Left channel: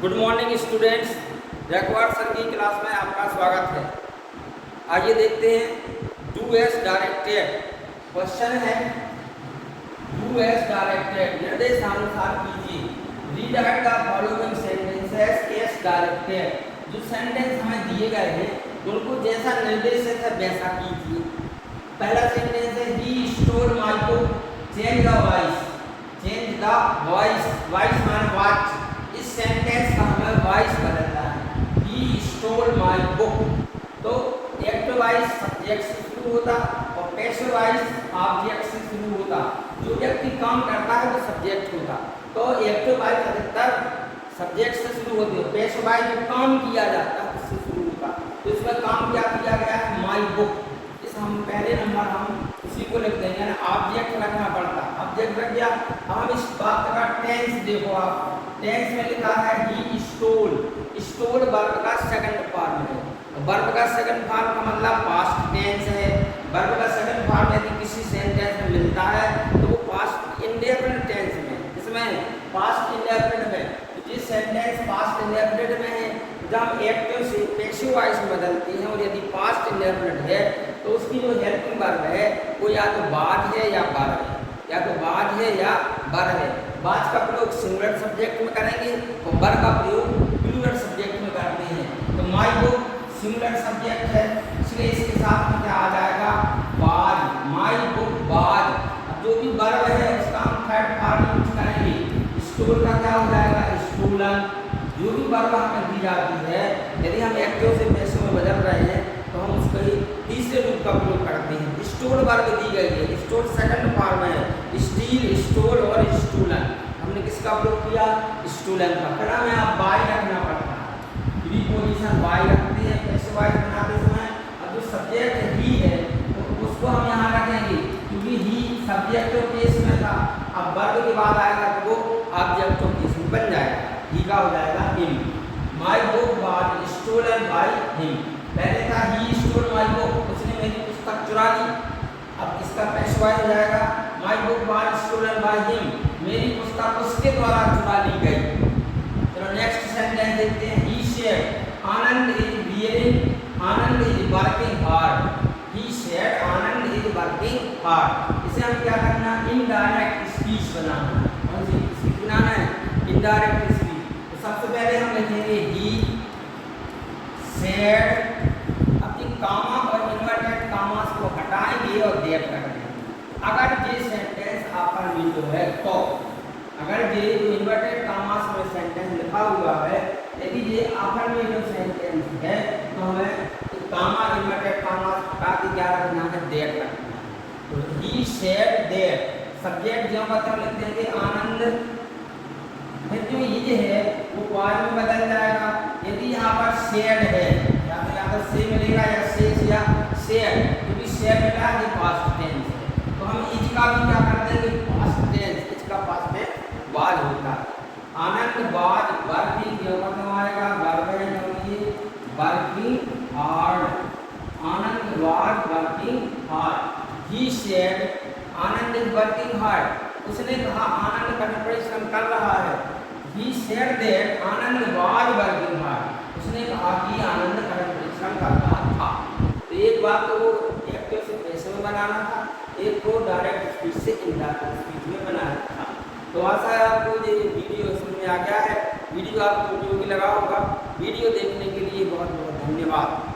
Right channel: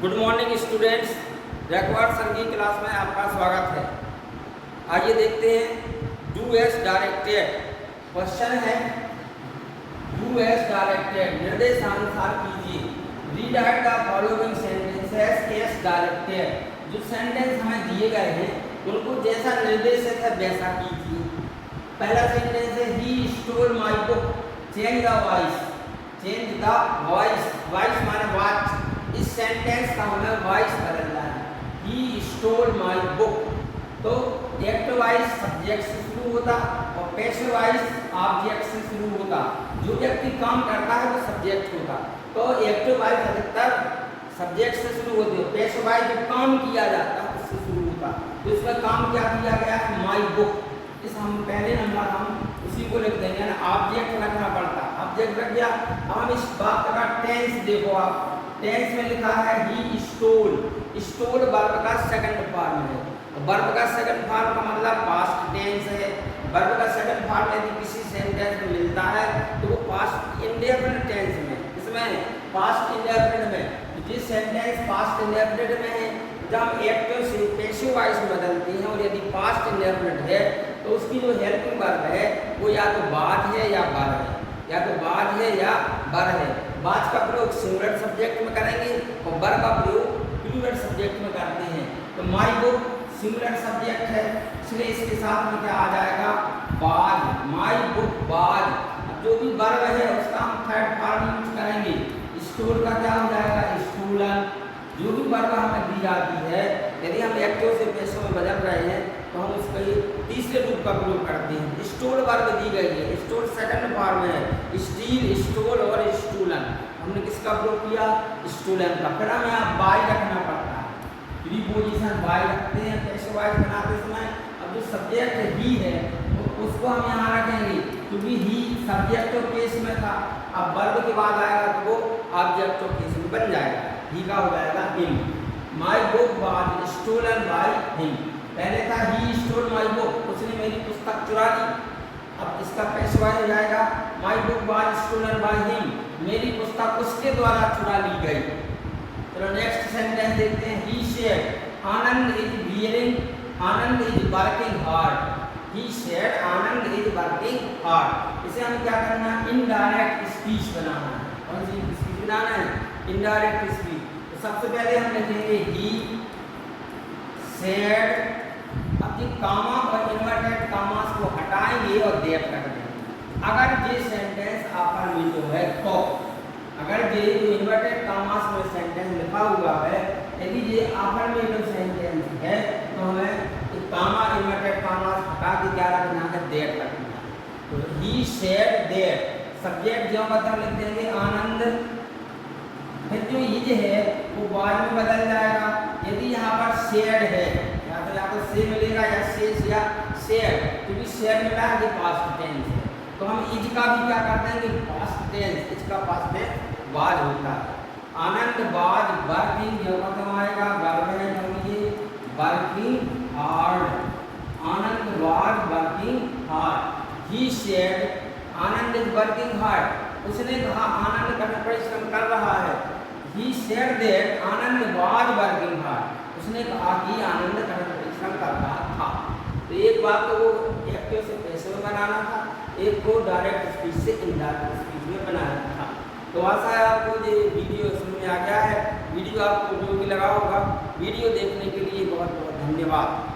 Good morning students, Jaykumar sir की class में आपका स्वागत है। आइए देखते हैं डू एज डायरेक्टेड। क्वेश्चन है डू एज डायरेक्टेड, निर्देशानुसार कीजिए। Rewrite the following sentences as directed. जो सेंटेंस हमें दिए गए हैं उनको जैसा निर्देशित है वैसा कीजिए। पहला सेंटेंस है he stole my book, change the voice. Change the voice, voice माने वाच। इस सेंटेंस का हमें वॉइस बदलना है। ही स्टोल माय बुक, तो एक्टिव वॉइस सब्जेक्ट से शुरू होता और पैसिव वॉइस ऑब्जेक्ट से शुरू होता। जो व्यक्ति काम करता है वो सब्जेक्ट होता, तो एक्टिव वॉइस अधिकतर सब्जेक्ट से शुरू होती है। पैसिव वॉइस जो काम किया जाता है उससे शुरू होता। तो इसका काम क्या किया गया है, माय बुक। इस हम पहले नंबर हम उसी को लिख देंगे ना, ऑब्जेक्ट रखना पड़ता। ऑब्जेक्ट रख दिया। हम इस बात का टेंस देखो, आप टेंस में लिखा है ही स्टोल। स्टोल वर्ब का सेकंड फॉर्म है। वर्ब का सेकंड फॉर्म का मतलब पास्ट टेंस है। वर्ब का सेकंड फॉर्म यदि किसी सेंटेंस में मिलता है तो वो पास्ट इंडेफिनिट टेंस में, इसमें पास्ट इंडेफिनिट में। जिस सेंटेंस पास्ट इंडेफिनिट में है, जब एक्टिव से पैसिव वॉइस में बदलती है और यदि पास्ट इंडेफिनिट है तो उसकी जो हेल्पिंग वर्ब है वो या तो बाद है या बर है, या तो बाद है या बर है। बाद का प्रयोग सिंगुलर सब्जेक्ट में करेंगे और बर का प्रयोग प्लूरल सब्जेक्ट में करते हैं। तो माय बुक सिंगुलर सब्जेक्ट है, इसलिए इसके साथ में क्या आ जाएगा, बाद। माय बुक बाद। जो भी वर्ब है उसका हम थर्ड फॉर्म यूज करेंगे। स्टोल का क्या हो जाएगा, स्टूलन। जो भी वर्ब हमें दी जाती है, यदि हम एक्टिव से पैसिव में बदल रहे हैं तो हम उसका तीसरे रूप का प्रयोग करते हैं। स्टोल वर्ब दी गई है, स्टोल सेकंड फॉर्म है, स्टील, स्टोल और स्टूलन। हमने किसका प्रयोग किया, स्टूलन का। फिर हमें आप बाय रखना पड़ता है, प्रीपोजिशन बाय रखते हैं पैसिव वॉइस बनाते समय। अब जो सब्जेक्ट ही है उसको हम यहाँ रखेंगे क्योंकि ही सब्जेक्ट केस में था। अब वर्ब के बाद आएगा तो वो ऑब्जेक्ट केस में बन जाएगा। ही का हो जाएगा him. My book was stolen by him. पहले था ही स्टोल माय बुक, उसने मेरी पुस्तक चुरा ली। अब इसका पैसिव वॉइस हो जाएगा my book was stolen by him. मेरी पुस्तक उसके द्वारा चुरा ली गई। चलो नेक्स्ट सेंटेंस देखते हैं। He said Anand is wearing, Anand is working hard. He said Anand is working hard. इसे हम क्या करना, इनडायरेक्ट स्पीच बनाना। कौन सी स्पीच बनाना है, इनडायरेक्ट स्पीच। तो सबसे पहले हम लिखेंगे ही सेड। अपनी कामा और इन्वर्टेड कामास को हटाएंगे और देर कर देंगे। अगर ये सेंटेंस आपन में जो है तो, अगर ये जो इन्वर्टेड कामास में सेंटेंस लिखा हुआ है, यदि ये आपन में जो सेंटेंस है तो हमें तो कामा इन्वर्टेड कामास हटा के क्या रखना है, देर रखना है। तो ही सेड देर, सब्जेक्ट जो मतलब लिख देंगे आनंद। फिर जो ये है वो बाद में बदल जाएगा। यदि यहाँ पर सेड है, या तो से मिलेगा या सेज या शेयर, क्योंकि शेयर मिला है, ये पास्ट टेंस है। तो हम इज का भी क्या कर देंगे, पास्ट टेंस। इसका पास्ट में वाज होता है। आनंद वाज वर्किंग, जो मतलब आएगा वर्ब है, समझिए working hard. Anand was working hard. He said Anand is working hard. उसने कहा आनंद कठिन परिश्रम कर रहा है। He said that Anand was working hard. उसने कहा कि आनंद कठिन परिश्रम कर रहा था। तो एक बात तो वो एक्टिव से पैसिव में बनाना था, एक को डायरेक्ट स्पीच से इनडायरेक्ट स्पीच में बनाना था। तो आशा है आपको ये वीडियो समझ में आ गया है। वीडियो आपको उपयोगी लगा होगा। वीडियो देखने के लिए बहुत बहुत धन्यवाद।